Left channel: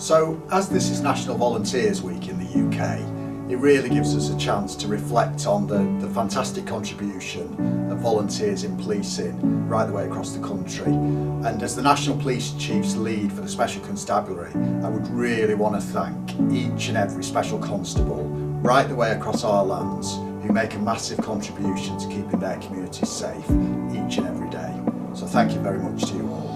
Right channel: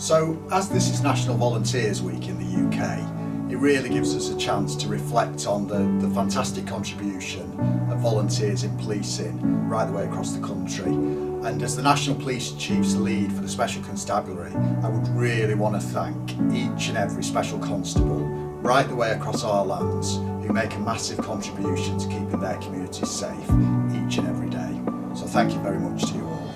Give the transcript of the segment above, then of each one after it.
So, as this is National Volunteers Week in the UK, it really gives us a chance to reflect on the fantastic contribution of volunteers in policing right the way across the country. And as the National Police Chief's lead for the Special Constabulary, I would really want to thank each and every Special Constable right the way across our lands who make a massive contribution to keeping their communities safe each and every day. So thank you very much to you all.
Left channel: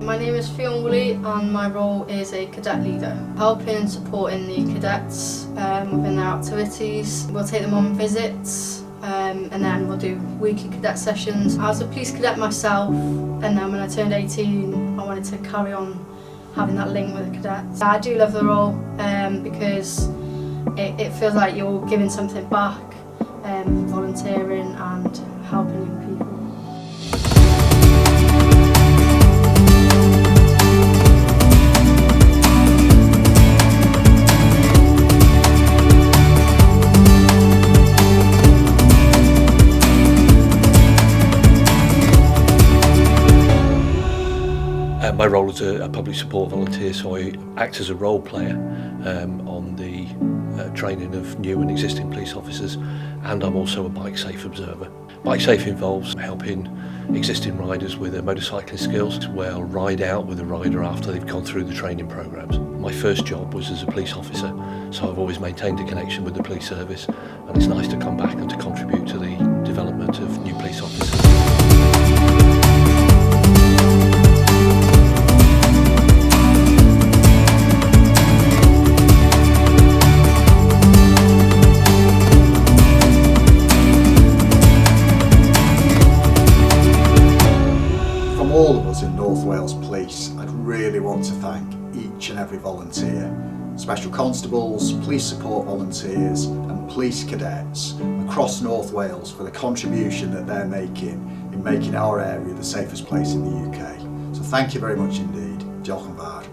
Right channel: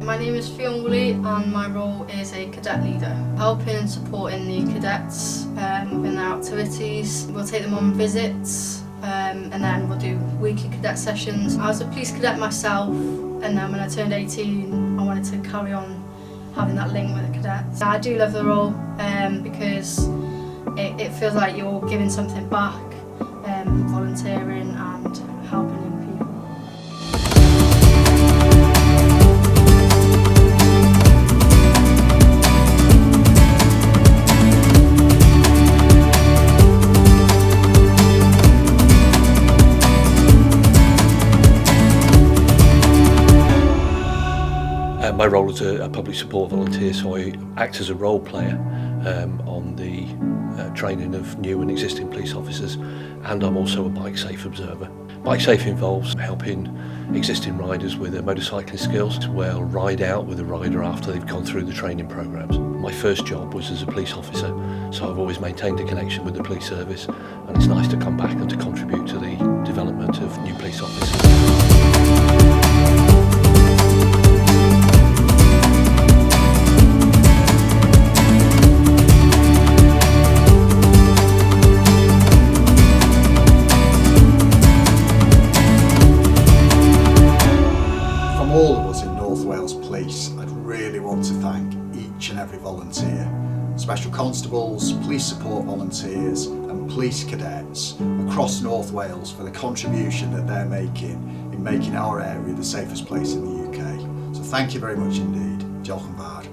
My name is and my role is a cadet leader, helping and supporting the cadets within their activities. We'll take them on visits and then we'll do weekly cadet sessions. I was a police cadet myself, and then when I turned 18 I wanted to carry on having that link with the cadets. I do love the role because it feels like you're giving something back, volunteering and helping young people. My role is a public support volunteer, so I act as a role player on the training of new and existing police officers, and I'm also a bike safe observer. Bike safe involves helping existing riders with their motorcycling skills to ride out with a rider after they've gone through the training programs. My first job was as a police officer, so I've always maintained a connection with the police service, and it's nice to come back and to contribute to the development of new police officers. All of us in North Wales Police, I'd really want to thank each and every volunteer, special constables, police support volunteers and police cadets across North Wales for the contribution that they're making in making our area the safest place in the UK. So thank you very much indeed. Diolch.